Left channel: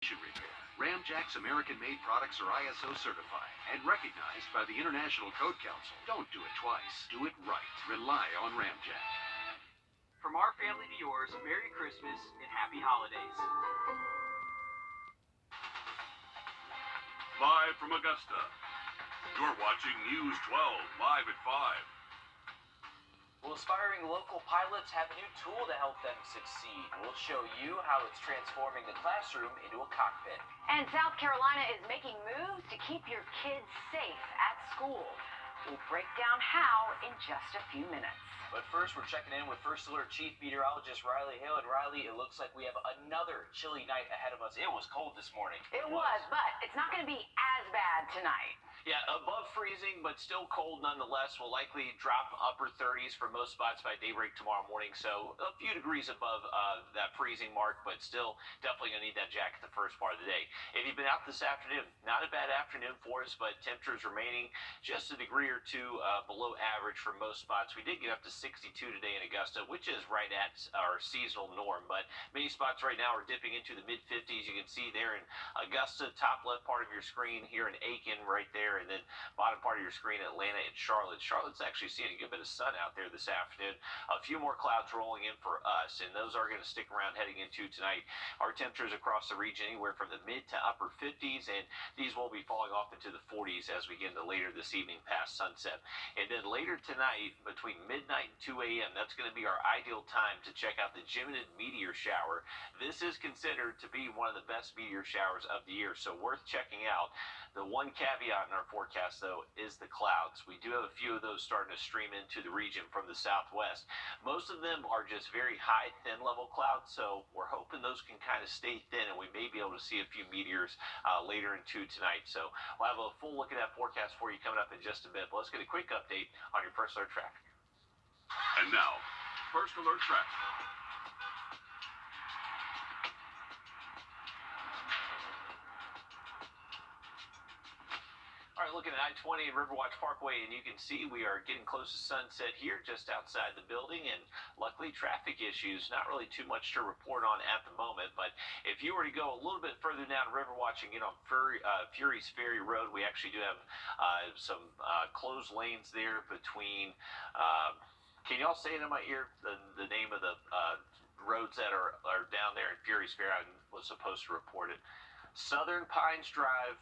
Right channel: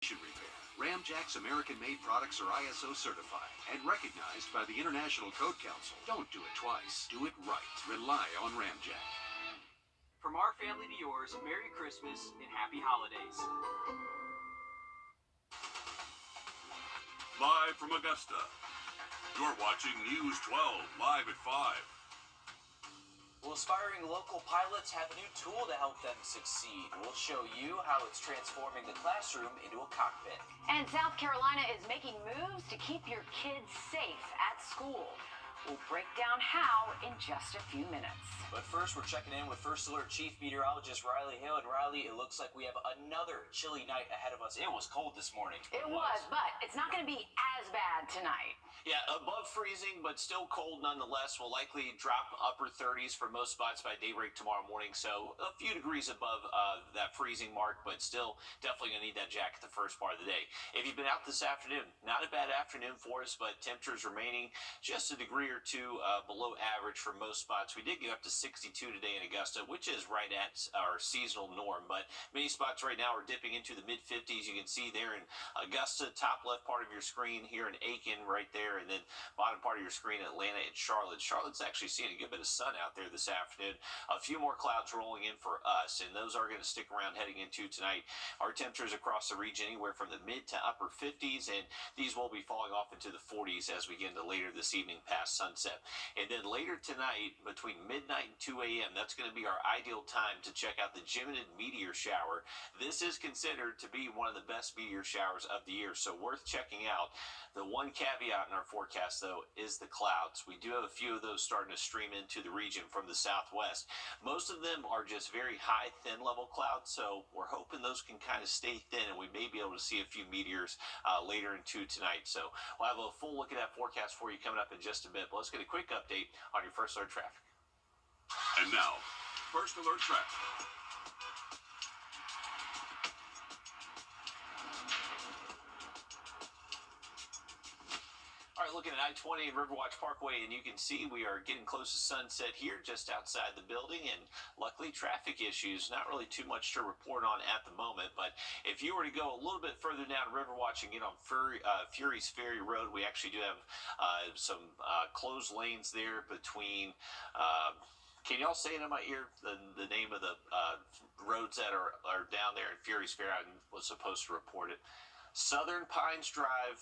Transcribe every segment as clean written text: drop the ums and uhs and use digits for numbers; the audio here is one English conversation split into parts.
Repair. Ramjack's American-made products are ISO certified and recognized by the International Code Council. Don't do it twice. Do it right. Rely on Ramjack. From our family to yours, Merry Christmas and Happy Holidays. Live from Augusta, you're watching News 12 live at 5. Well, aspiring local pilots have a new tool to help them succeed. We'll show you how it's transforming the classroom into a cockpit. And South Carolina is making moves to keep your kids safe at school. We'll break down how in just a few minutes. But first, we're checking in with First Alert Chief Meteorologist Riley Hale. And Riley, it looks like we have another chilly night ahead of us. It was cold this morning. It was, but it's not going to be as bad tonight. Yeah, above freezing, but still cold nonetheless. Will likely drop upper 30s for most spots by daybreak tomorrow morning. So a few degrees above that freezing mark, but still definitely going to need that jacket the first part of the day. If you've been out this afternoon, not a bad afternoon for us, but temperatures remaining just a degree or two below average for most spots. We did get up to 62 today in Augusta, which is right at our seasonal norm, but many spots right now are dipping into the mid-50s. You can see there in Augusta, top left part of your screen, here in Aiken right there, and then bottom part of your screen, Atlanta and Charlotte. Charlotte's actually seeing a good bit of sun out there this afternoon. A few more clouds rolling in for us, and those are going to stick around heading into tonight. Our temperatures across the region anywhere from the mid to upper 50s, and these will be falling off into the 40s as we get into later this evening past sunset. And then later tonight, between midnight and 2 a.m., that's going to be our ideal time to check out the Geminid meteor shower. This is considered to be one of the best meteor showers of the year, so worth checking out. The one caveat in our forecast, though, is the clouds. We do have a few of those starting to stream into the region from the southwest. Most of them are just very high, thin-level clouds, so we're hoping those can kind of stay thin, and we may be able to see a few meteors later into tonight. So we'll have a full look at that forecast for you coming up in just a bit. But let's get a quick update on your First Alert traffic. And now, First Alert traffic. All right, looking at I-20 and Riverwatch Parkway, and you can see we are getting close to sunset here just outside the building, and luckily traffic issues, not really too much to report on at the moment, but if you were to go a little bit further down Riverwatch and get on Fury's Ferry Road, we actually do have some closed lanes there between, can y'all say it in my ear, the name of the roads that are down there in Fury's Ferry? I was supposed to report it. Southern Pines Drive,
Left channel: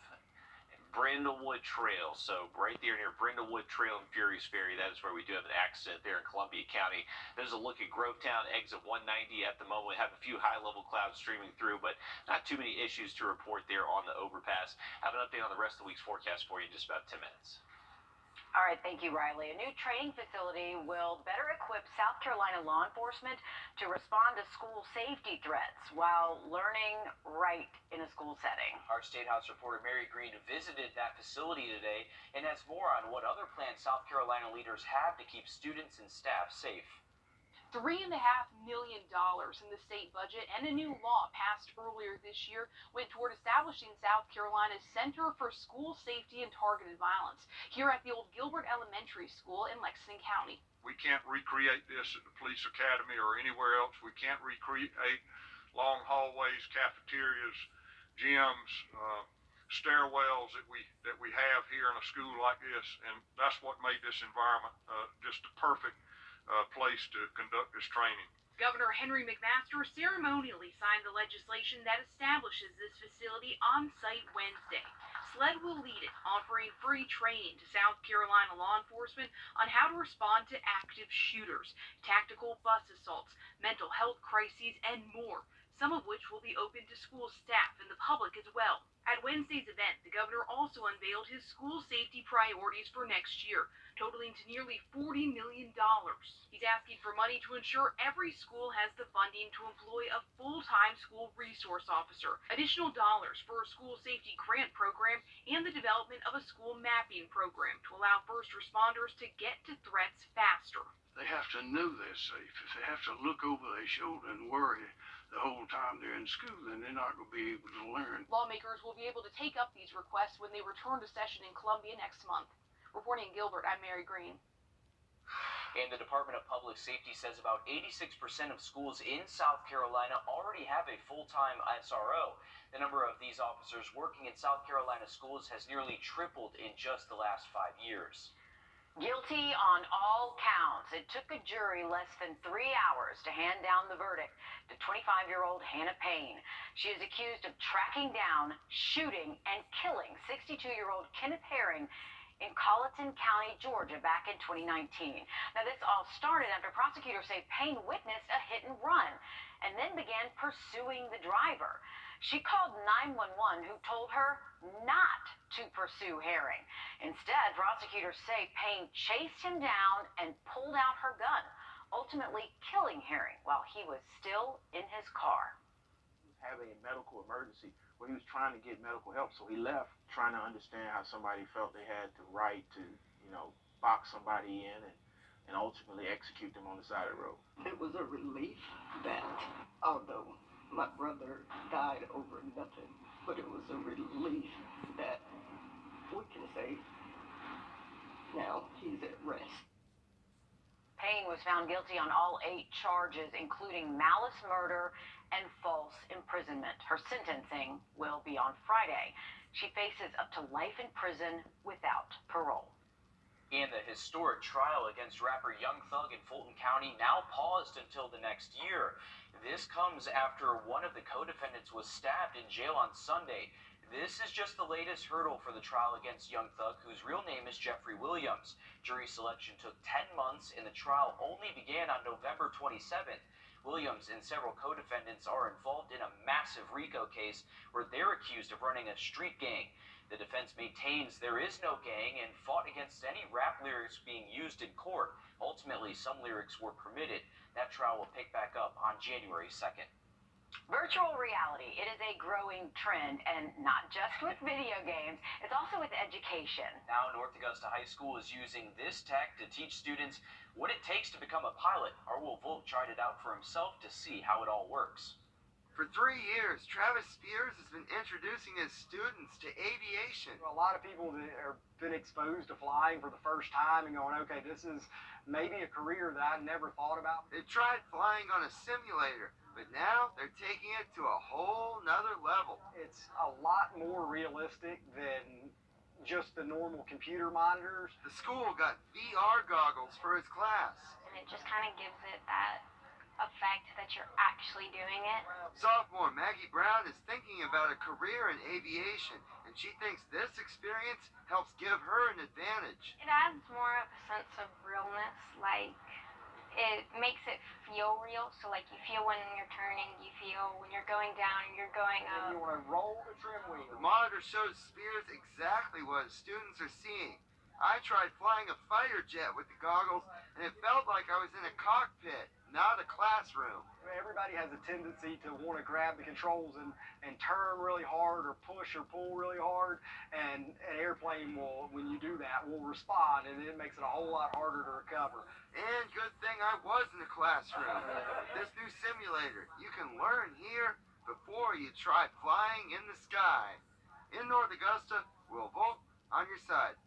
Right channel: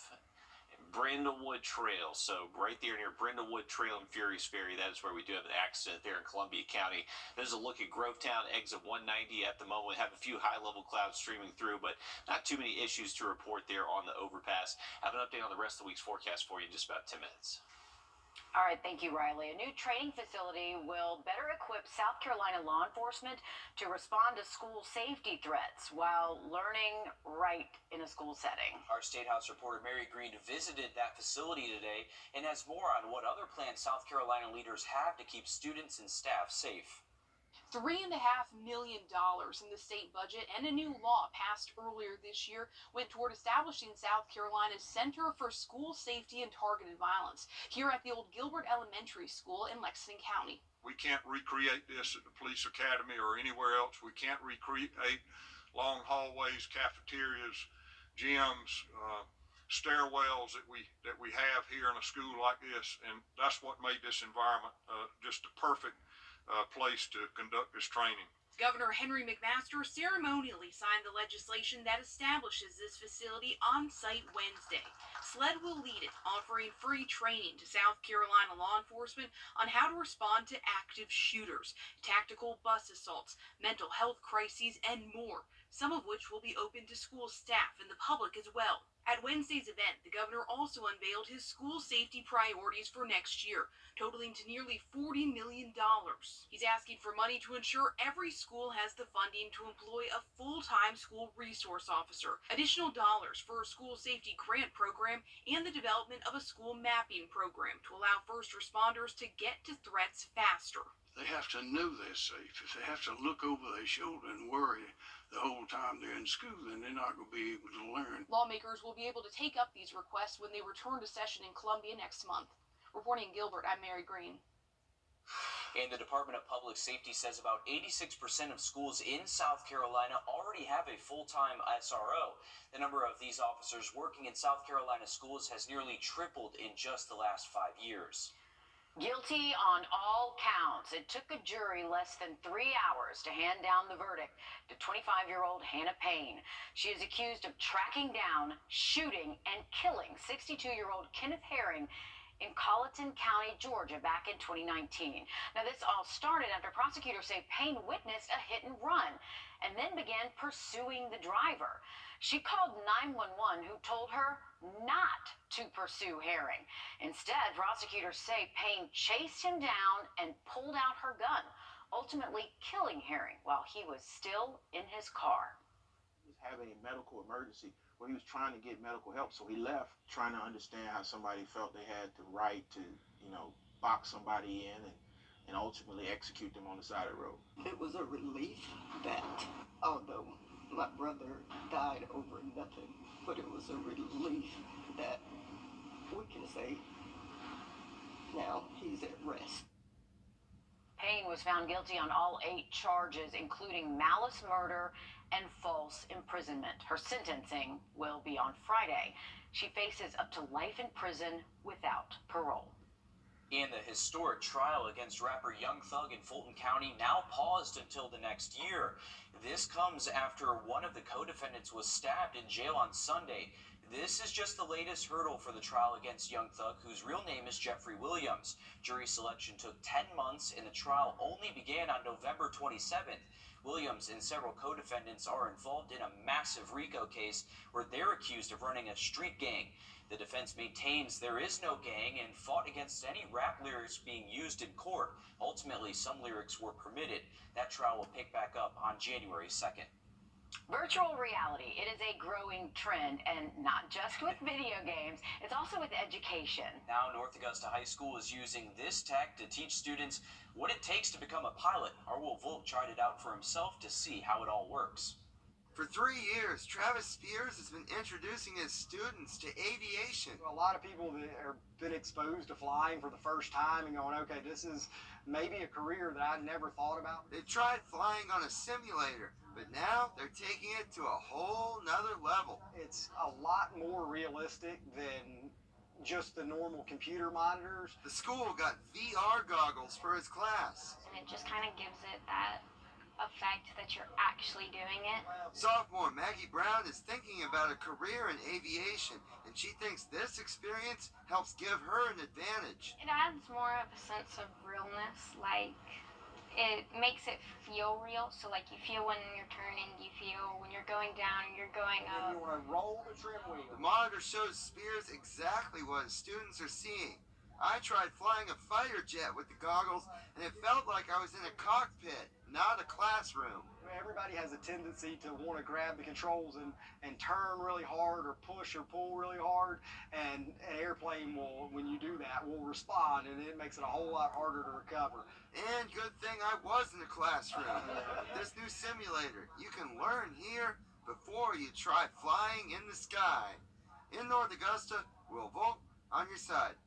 Brindlewood Trail. So right there near Brindlewood Trail and Fury's Ferry, that is where we do have an accident there in Columbia County. There's a look at Grovetown, exit 190 at the moment. We have a few high-level clouds streaming through, but not too many issues to report there on the overpass. Have an update on the rest of the week's forecast for you in just about 10 minutes. All right, thank you, Riley. A new training facility will better equip South Carolina law enforcement to respond to school safety threats while learning right in a school setting. Our State House reporter Mary Green visited that facility today and has more on what other plans South Carolina leaders have to keep students and staff safe. $3.5 million in the state budget and a new law passed earlier this year went toward establishing South Carolina's Center for School Safety and Targeted Violence here at the old Gilbert Elementary School in Lexington County. We can't recreate this at the police academy or anywhere else. We can't recreate long hallways, cafeterias, gyms, stairwells that we have here in a school like this, and that's what made this environment just the perfect place to conduct this training. Governor Henry McMaster ceremonially signed the legislation that establishes this facility on site Wednesday. SLED will lead it, offering free training to South Carolina law enforcement on how to respond to active shooters, tactical bus assaults, mental health crises, and more, some of which will be open to school staff and the public as well. At Wednesday's event, the governor also unveiled his school safety priorities for next year, totaling to nearly $40 million. He's asking for money to ensure every school has the funding to employ a full-time school resource officer, additional dollars for a school safety grant program, and the development of a school mapping program to allow first responders to get to threats faster. They have to know they're safe. If they have to look over their shoulder and worry the whole time they're in school, then they're not going to be able to learn. Lawmakers will be able to take up these requests when they return to session in Columbia next month. Reporting in Gilbert, I'm Mary Green. And the Department of Public Safety says about 86% of schools in South Carolina already have a full-time SRO. The number of these officers working in South Carolina schools has nearly tripled in just the last 5 years. Guilty on all counts. It took a jury less than 3 hours to hand down the verdict to 25-year-old Hannah Payne. She is accused of tracking down, shooting, and killing 62-year-old Kenneth Herring in Colleton County, Georgia, back in 2019. Now, this all started after prosecutors say Payne witnessed a hit and run and then began pursuing the driver. She called 911, who told her not to pursue Herring. Instead, prosecutors say Payne chased him down and pulled out her gun, ultimately killing Herring while he was still in his car. He was having a medical emergency where he was trying to get medical help, so he left trying to understand how somebody felt they had the right to, box somebody in and ultimately execute them on the side of the road. It was a relief that, although my brother died over nothing, but it was a relief that we can say now he's at rest. Payne was found guilty on all 8 charges, including malice murder and false imprisonment. Her sentencing will be on Friday. She faces up to life in prison without parole. And the historic trial against rapper Young Thug in Fulton County now paused until the next year. This comes after one of the co-defendants was stabbed in jail on Sunday. This is just the latest hurdle for the trial against Young Thug, whose real name is Jeffrey Williams. Jury selection took 10 months, and the trial only began on November 27th. Williams and several co-defendants are involved in a massive RICO case where they're accused of running a street gang. The defense maintains there is no gang and fought against any rap lyrics being used in court. Ultimately, some lyrics were permitted. That trial will pick back up on January 2nd. Virtual reality, it is a growing trend, and not just with video games, it's also with education. Now, North Augusta High School is using this tech to teach students what it takes to become a pilot. Our Will Volk tried it out for himself to see how it all works. For 3 years, Travis Spears has been introducing his students to aviation. A lot of people that have been exposed to flying for the first time and going, okay, this is maybe a career that I never thought about. They tried flying on a simulator, but now they're taking it to a whole nother level. It's a lot more realistic than just the normal computer monitors. The school got VR goggles for its class. And it just kind of gives it that effect that you're actually doing it. Sophomore Maggie Brown is thinking about a career in aviation, and she thinks this experience helps give her an advantage. It adds more of a sense of realness, like it makes it feel real. So like you feel when you're turning, you feel when you're going down and you're going up. And you want to roll the trim wheel. The monitor shows Spears exactly what his students are seeing. I tried flying a fighter jet with the goggles, and it felt like I was in a cockpit, not a classroom. Everybody has a tendency to want to grab the controls and turn really hard or push or pull really hard, and an airplane will, when you do that, will respond, and it makes it a whole lot harder to recover. And good thing I was in a classroom. With this new simulator, you can learn here before you try flying in the sky. In North Augusta, Will Volk on your side.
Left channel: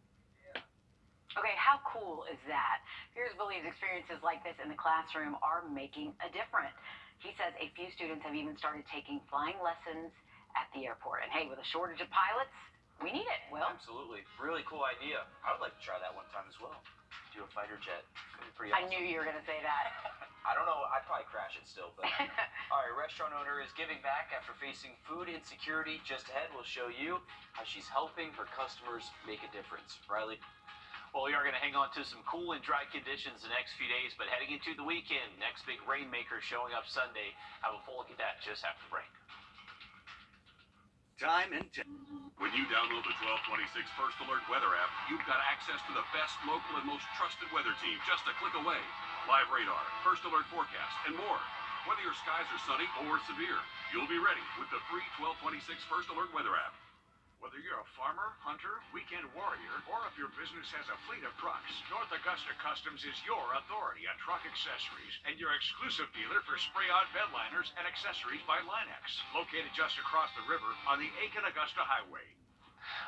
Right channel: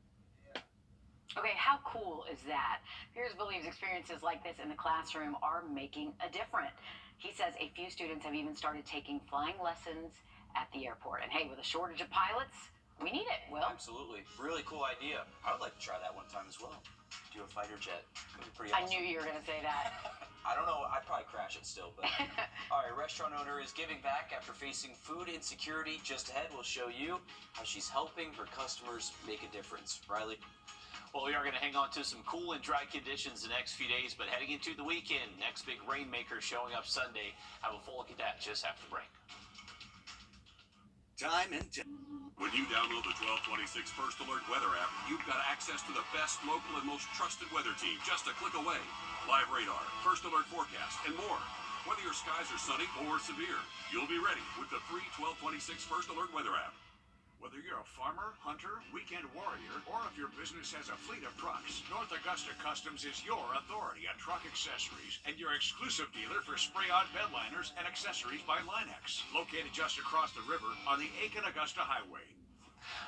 Okay, how cool is that? Spears believes experiences like this in the classroom are making a difference. He says a few students have even started taking flying lessons at the airport. And hey, with a shortage of pilots, we need it, Will. Absolutely. Really cool idea. I would like to try that one time as well. Do a fighter jet. Could be pretty awesome. I knew you were going to say that. I don't know. I'd probably crash it still. But all right, restaurant owner is giving back after facing food insecurity. Just ahead, we'll show you how she's helping her customers make a difference. Riley? Well, we are going to hang on to some cool and dry conditions the next few days, but heading into the weekend, next big rainmaker showing up Sunday. Have a full look at that just after the break. Time and When you download the 1226 First Alert weather app, you've got access to the best local and most trusted weather team just a click away. Live radar, First Alert forecast, and more. Whether your skies are sunny or severe, you'll be ready with the free 1226 First Alert weather app. Whether you're a farmer, hunter, weekend warrior, or if your business has a fleet of trucks, North Augusta Customs is your authority on truck accessories and your exclusive dealer for spray-on bed liners and accessories by Linex, located just across the river on the Aiken-Augusta Highway.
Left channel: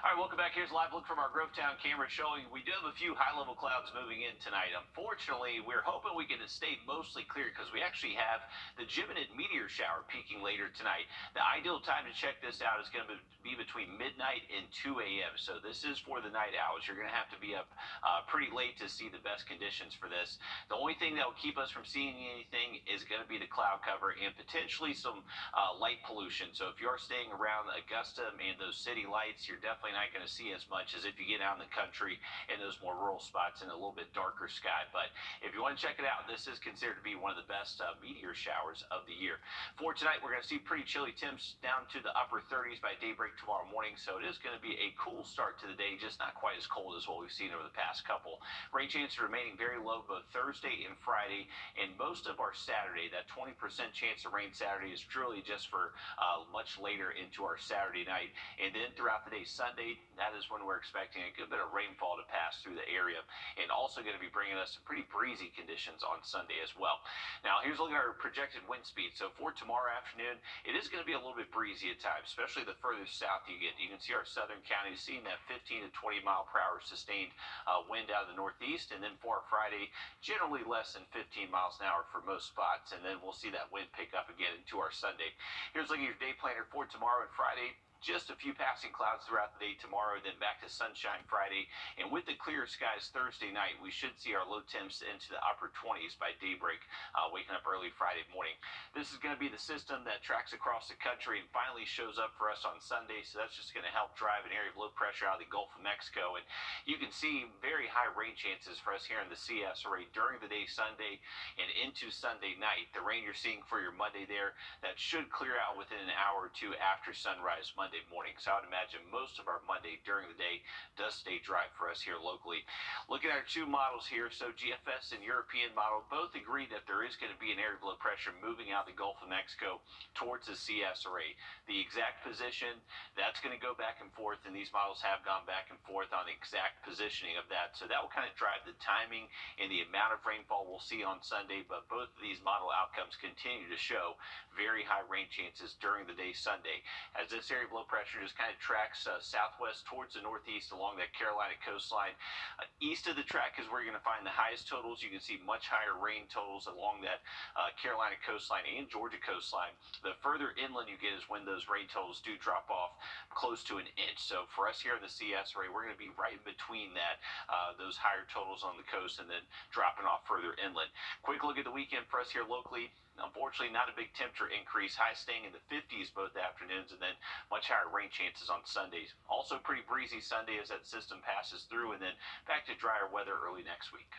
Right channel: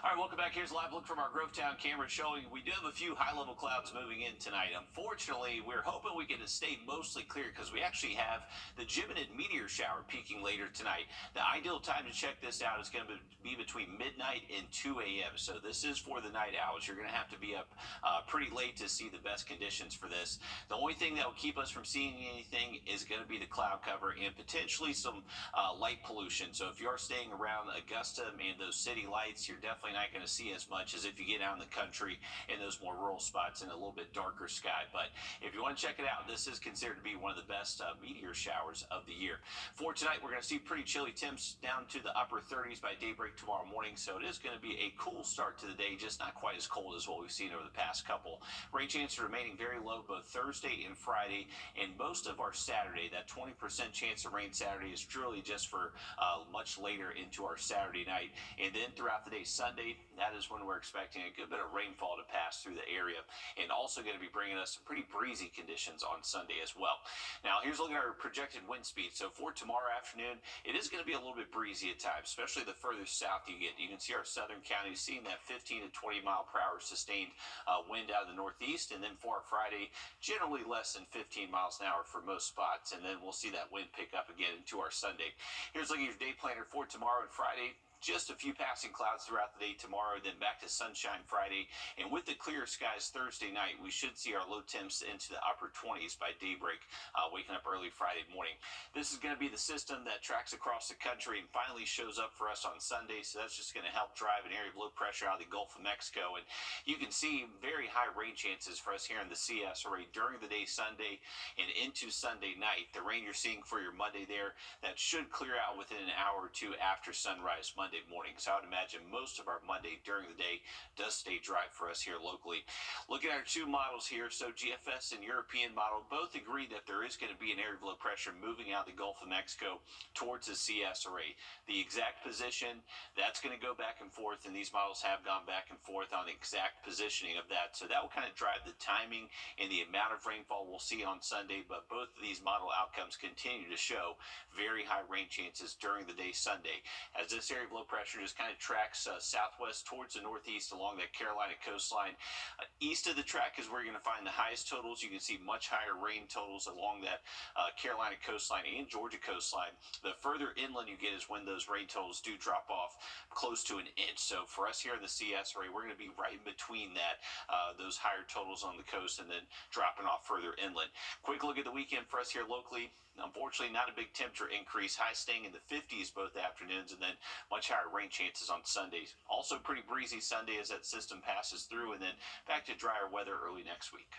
All right, welcome back. Here's a live look from our Grovetown camera showing we do have a few high-level clouds moving in tonight. Unfortunately, we're hoping we can stay mostly clear because we actually have the Geminid meteor shower peaking later tonight. The ideal time to check this out is going to be between midnight and 2 a.m. So this is for the night owls. You're going to have to be up pretty late to see the best conditions for this. The only thing that will keep us from seeing anything is going to be the cloud cover and potentially some light pollution. So if you are staying around Augusta and those city lights, you're definitely not going to see as much as if you get out in the country in those more rural spots in a little bit darker sky. But if you want to check it out, this is considered to be one of the best meteor showers of the year. For tonight, we're going to see pretty chilly temps down to the upper 30s by daybreak tomorrow morning. So it is going to be a cool start to the day, just not quite as cold as what we've seen over the past couple. Rain chances remaining very low both Thursday and Friday, and most of our Saturday. That 20% chance of rain Saturday is truly just for much later into our Saturday night. And then throughout the day Sunday, that is when we're expecting a good bit of rainfall to pass through the area, and also going to be bringing us some pretty breezy conditions on Sunday as well. Now, here's a look at our projected wind speed. So for tomorrow afternoon, it is going to be a little bit breezy at times, especially the further south you get. You can see our southern counties seeing that 15 to 20 mile per hour sustained wind out of the northeast, and then for our Friday, generally less than 15 miles an hour for most spots, and then we'll see that wind pick up again into our Sunday. Here's looking at your day planner for tomorrow and Friday. Just a few passing clouds throughout the day tomorrow, then back to sunshine Friday. And with the clear skies Thursday night, we should see our low temps into the upper 20s by daybreak, waking up early Friday morning. This is going to be the system that tracks across the country and finally shows up for us on Sunday. So that's just going to help drive an area of low pressure out of the Gulf of Mexico. And you can see very high rain chances for us here in the CS array during the day Sunday and into Sunday night. The rain you're seeing for your Monday there, that should clear out within an hour or two after sunrise Monday morning. So I would imagine most of our Monday during the day does stay dry for us here locally. Looking at our two models here, so GFS and European model both agree that there is going to be an area of low pressure moving out of the Gulf of Mexico towards the CS array. The exact position, that's going to go back and forth, and these models have gone back and forth on the exact positioning of that. So that will kind of drive the timing and the amount of rainfall we'll see on Sunday, but both of these model outcomes continue to show very high rain chances during the day Sunday, as this area of low pressure just kind of tracks southwest towards the northeast along that Carolina coastline. East of the track is where you're going to find the highest totals. You can see much higher rain totals along that Carolina coastline and Georgia coastline. The further inland you get is when those rain totals do drop off close to an inch. So for us here in the CS area, we're going to be right in between that, those higher totals on the coast and then dropping off further inland. Quick look at the weekend for us here locally. Unfortunately, not a big temperature increase. High staying in the 50s both afternoons, and then much higher rain chances on Sundays. Also pretty breezy Sunday as that system passes through, and then back to drier weather early next week.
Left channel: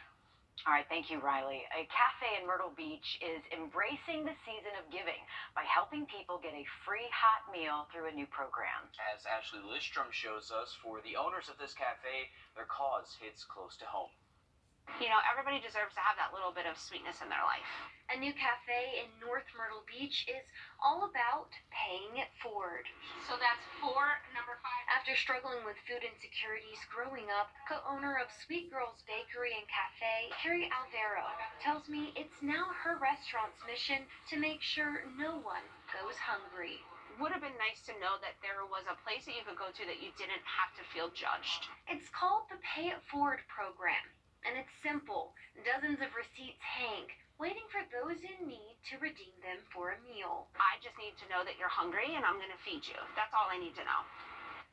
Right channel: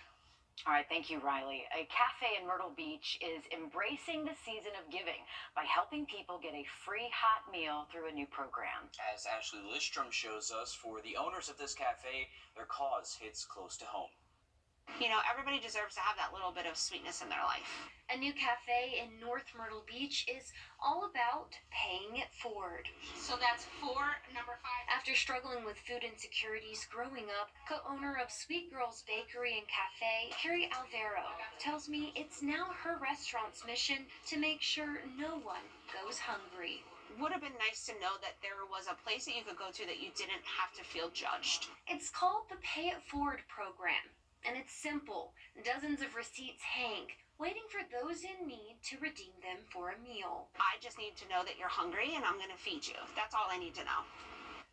All right, thank you, Riley. A cafe in Myrtle Beach is embracing the season of giving by helping people get a free hot meal through a new program. As Ashley Listrom shows us, for the owners of this cafe, their cause hits close to home. You know, everybody deserves to have that little bit of sweetness in their life. A new cafe in North Myrtle Beach is all about paying it forward. So that's number 5. After struggling with food insecurities growing up, co-owner of Sweet Girls Bakery and Cafe, Carrie Alvaro, tells me it's now her restaurant's mission to make sure no one goes hungry. Would have been nice to know that there was a place that you could go to that you didn't have to feel judged. It's called the Pay It Forward program, and it's simple. Dozens of receipts hang, waiting for those in need to redeem them for a meal. I just need to know that you're hungry and I'm going to feed you. That's all I need to know.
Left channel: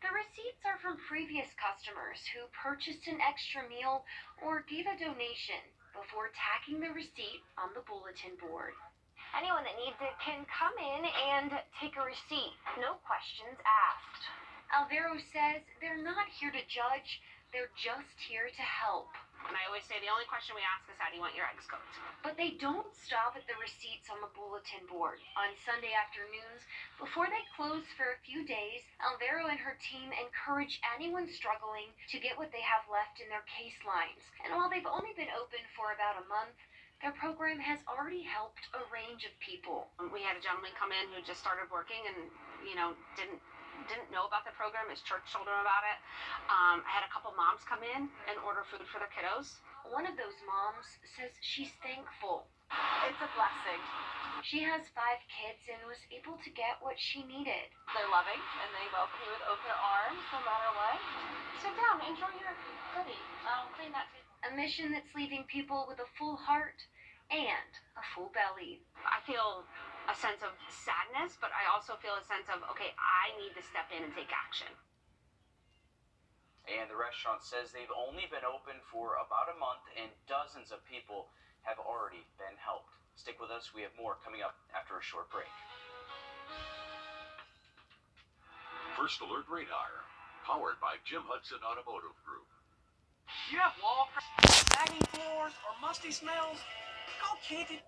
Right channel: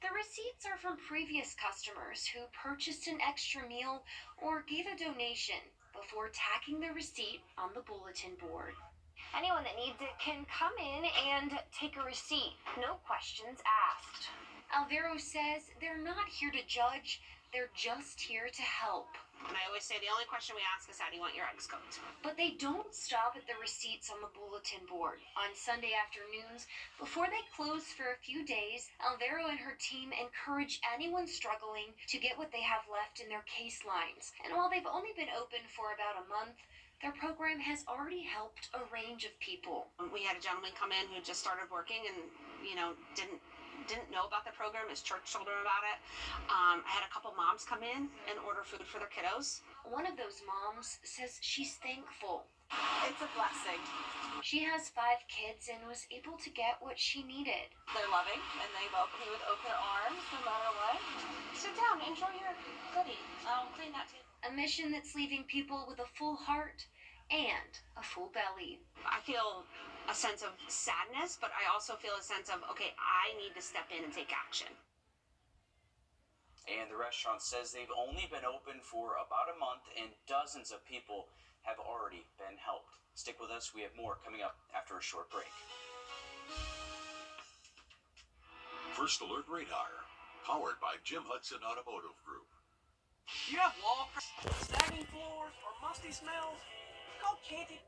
The receipts are from previous customers who purchased an extra meal or gave a donation before tacking the receipt on the bulletin board. Anyone that needs it can come in and take a receipt, no questions asked. Alvaro says they're not here to judge, they're just here to help. And I always say the only question we ask is, how do you want your eggs cooked? But they don't stop at the receipts on the bulletin board. On Sunday afternoons, before they close for a few days, Alvaro and her team encourage anyone struggling to get what they have left in their case lines. And while they've only been open for about a month, their program has already helped a range of people. We had a gentleman come in who just started working and, didn't know about the program. His church told him about it. I had a couple moms come in and order food for their kiddos. One of those moms says she's thankful. It's a blessing. She has 5 kids and was able to get what she needed. They're loving and they welcome you with open arms no matter what. Sit down, enjoy your goodie. I'll clean that table. A mission that's leaving people with a full heart and a full belly. I feel a sense of sadness, but I also feel a sense of, okay, I need to step in and take action. And the restaurant says they've only been open for about a month and dozens of people have already been helped. Stick with us. We have more coming up after a short break. First Alert Radar, powered by Jim Hudson Automotive Group. You have wall sagging floors or musty smells? Call Candy.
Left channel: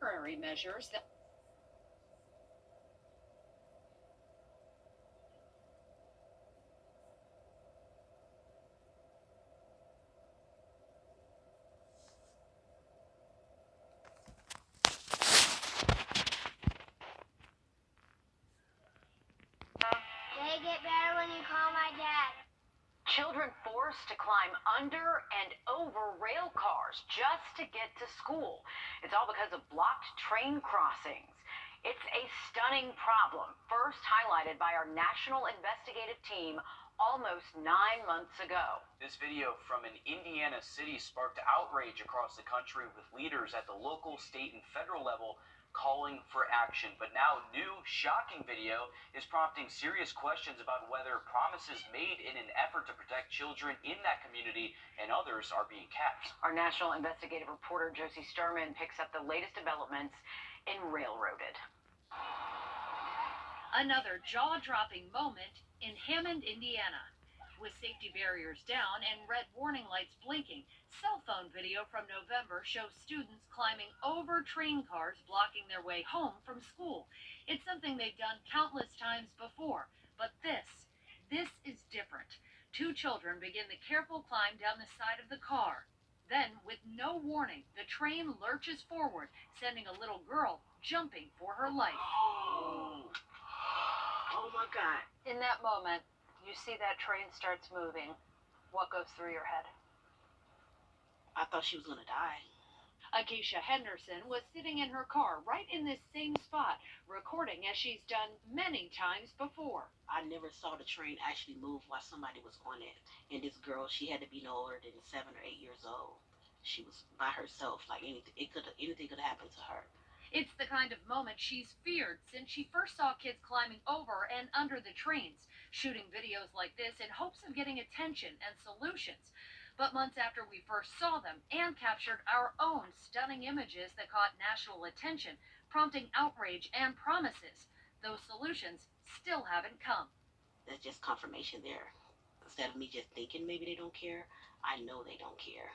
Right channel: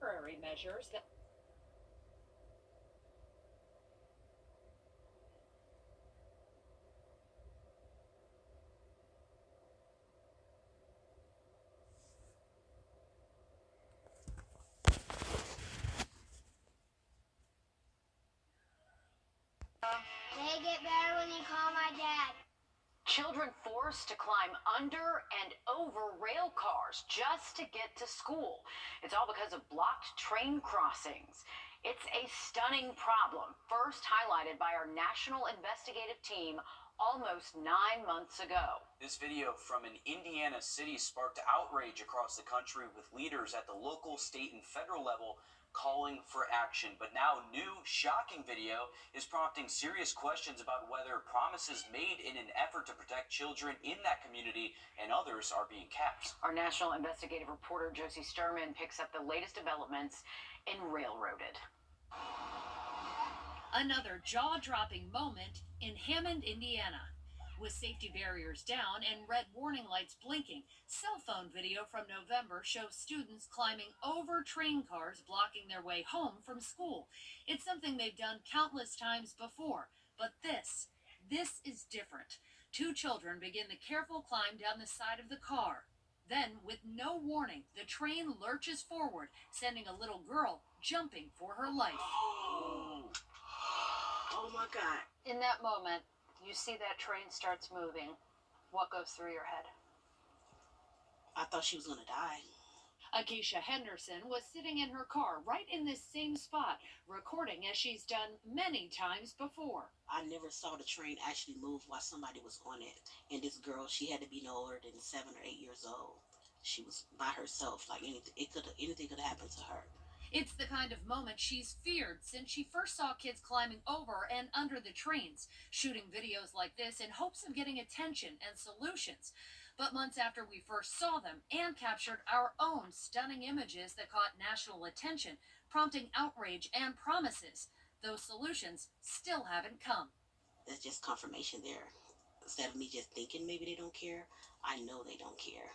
Temporary measures that They get better when you call my dad. Children forced to climb under and over rail cars just to get to school. It's all because of blocked train crossings. It's a stunning problem, first highlighted by our national investigative team almost 9 months ago. This video from an Indiana city sparked outrage across the country with leaders at the local, state, and federal level calling for action. But now new shocking video is prompting serious questions about whether promises made in an effort to protect children in that community and others are being kept. Our national investigative reporter Josie Sturman picks up the latest developments in Railroaded. Another jaw-dropping moment in Hammond, Indiana. With safety barriers down and red warning lights blinking, cell phone video from November shows students climbing over train cars blocking their way home from school. It's something they've done countless times before, but this is different. 2 children begin the careful climb down the side of the car. Then, with no warning, the train lurches forward, sending a little girl jumping for her life. Oh my God. In that moment, you see that train starts moving. What goes through your head? I thought she was going to die. Akeisha Henderson was sitting in her car right in this same spot, recording as she's done many times before. I never saw the train actually move while somebody was on it. And this girl, she had to be no older than 7 or 8 years old. She was by herself, like anything could happen to her. It's the kind of moment she's feared since she first saw kids climbing over and under the trains, shooting videos like this in hopes of getting attention and solutions. But months after we first saw them and captured our own stunning images that caught national attention, prompting outrage and promises, those solutions still haven't come. That's just confirmation there. Instead of me just thinking maybe they don't care, I know they don't care.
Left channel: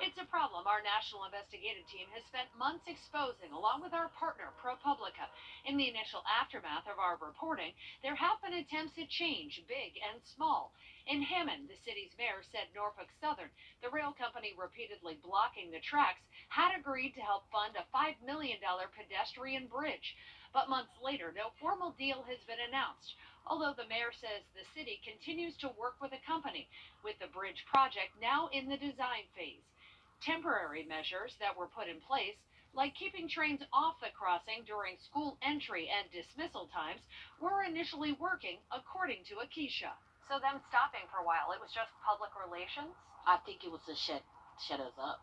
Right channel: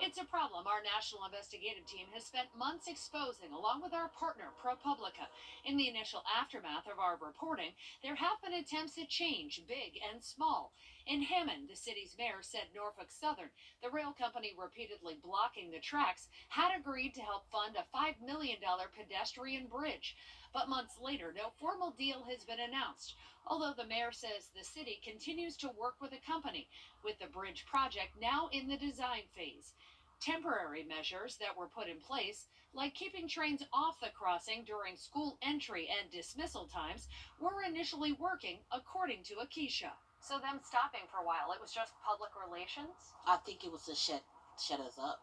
It's a problem our national investigative team has spent months exposing, along with our partner, ProPublica. In the initial aftermath of our reporting, there have been attempts at change, big and small. In Hammond, the city's mayor said Norfolk Southern, the rail company repeatedly blocking the tracks, had agreed to help fund a $5 million pedestrian bridge. But months later, no formal deal has been announced, although the mayor says the city continues to work with the company, with the bridge project now in the design phase. Temporary measures that were put in place, like keeping trains off the crossing during school entry and dismissal times, were initially working, according to Akeisha. So them stopping for a while, it was just public relations? I think it was to shut us up.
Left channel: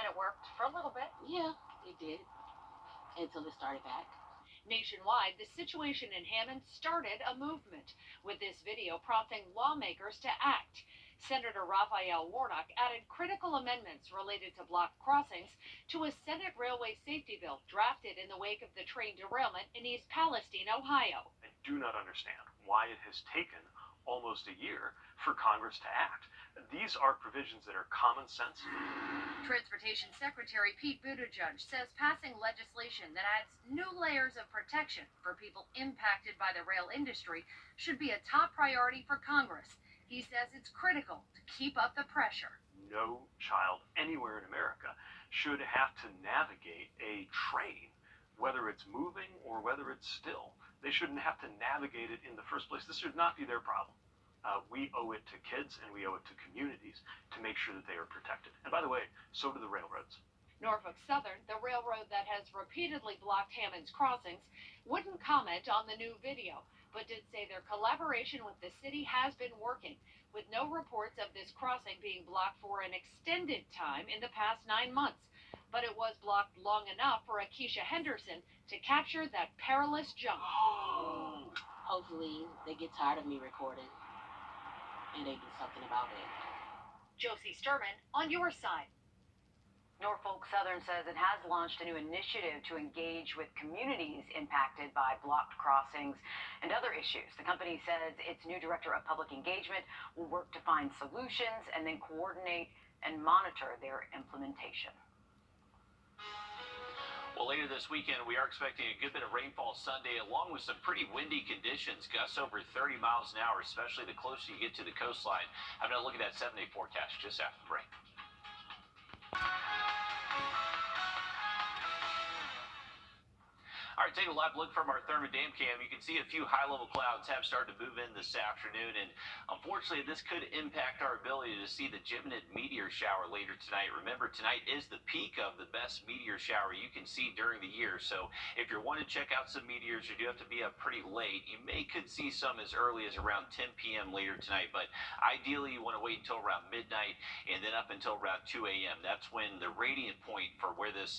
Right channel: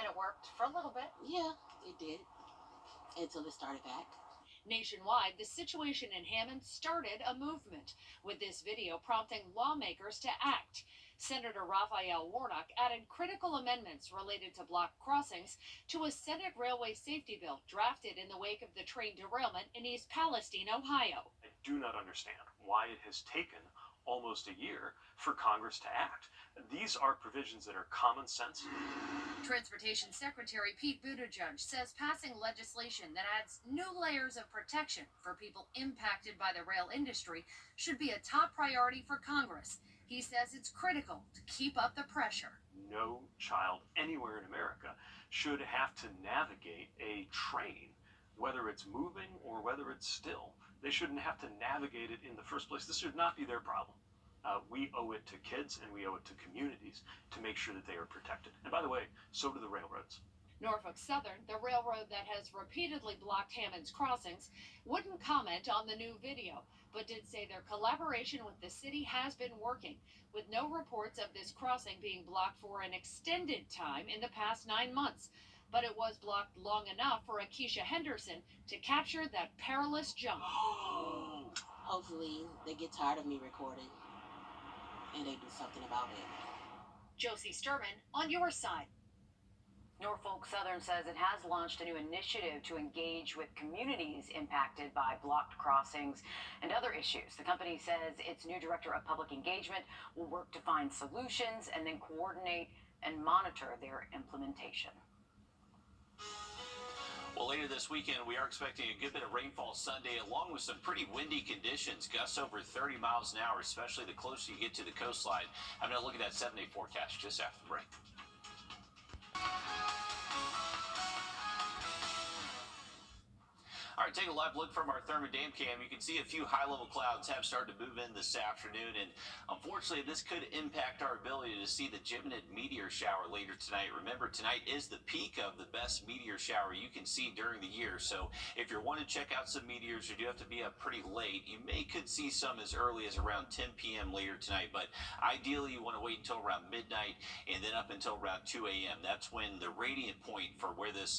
And it worked for a little bit? Yeah, it did. Until it started back. Nationwide, the situation in Hammond started a movement, with this video prompting lawmakers to act. Senator Raphael Warnock added critical amendments related to blocked crossings to a Senate railway safety bill drafted in the wake of the train derailment in East Palestine, Ohio. I do not understand why it has taken almost a year for Congress to act. These are provisions that are common sense. Transportation Secretary Pete Buttigieg says passing legislation that adds new layers of protection for people impacted by the rail industry should be a top priority for Congress. He says it's critical to keep up the pressure. No child anywhere in America should have to navigate a train, whether it's moving or whether it's still. They shouldn't have to navigate it in the first place. This should not be their problem. We owe it to kids and we owe it to communities to make sure that they are protected. And by the way, so do the railroads. Norfolk Southern, the railroad that has repeatedly blocked Hammond's crossings, wouldn't comment on the new video, but did say their collaboration with the city has been working, with no reports of this crossing being blocked for an extended time in the past 9 months. But it was blocked long enough for Akeisha Henderson to capture that perilous jump. Hopefully, they get tired of me recording and they do something about it. Josie Sturman on your side. Norfolk Southern says it has launched a new initiative to engage with communities impacted by blocked crossings and other issues. The company says its new director of public engagement will work to find solutions and then coordinate and monitor their implementation. Well, later this weekend, we are expecting a good bit of rainfall Sunday, along with some pretty windy conditions. Gusts over 30 miles an hour, especially the closer you get to the coastline. I'm going to look at that 7-day forecast just after the break. All right, take a live look from our Thermon Dam cam. You can see a few high-level clouds have started to move in this afternoon, and unfortunately, this could impact our ability to see the Gemini meteor shower later tonight. Remember, tonight is the peak of the best meteor shower you can see during the year, so if you're wanting to check out some meteors, you do have to be up pretty late. You could see some as early as around 10 p.m. later tonight, but ideally, you want to wait until around midnight and then up until around 2 a.m. That's when the radiant point for where this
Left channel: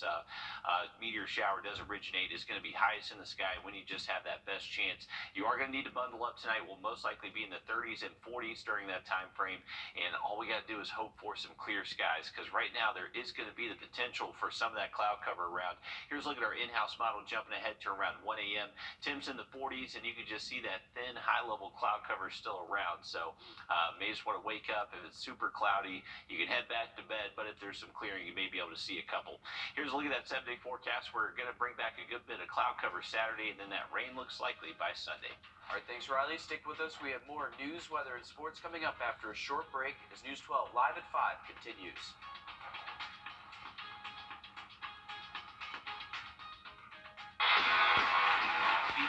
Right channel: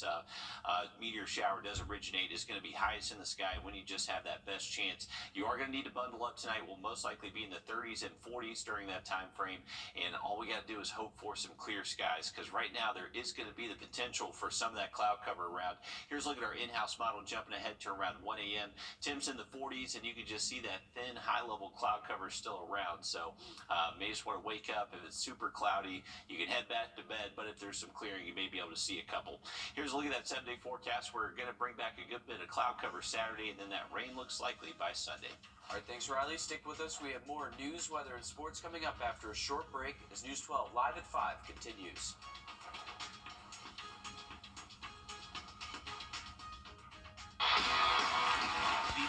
meteor shower does originate is going to be highest in the sky, when you just have that best chance. You are going to need to bundle up tonight. We'll most likely be in the 30s and 40s during that time frame, and all we got to do is hope for some clear skies, because right now there is going to be the potential for some of that cloud cover around. Here's a look at our in-house model jumping ahead to around 1 a.m. Temps in the 40s, and you can just see that thin high-level cloud cover still around, so may just want to wake up. If it's super cloudy, you can head back to bed, but if there's some clearing, you may be able to see a couple. Here's a look at that 7-day forecast. We're going to bring back a good bit of cloud cover Saturday, and then that rain looks likely by Sunday. All right, thanks, Riley. Stick with us. We have more news, weather, and sports coming up after a short break as News 12 Live at 5 continues.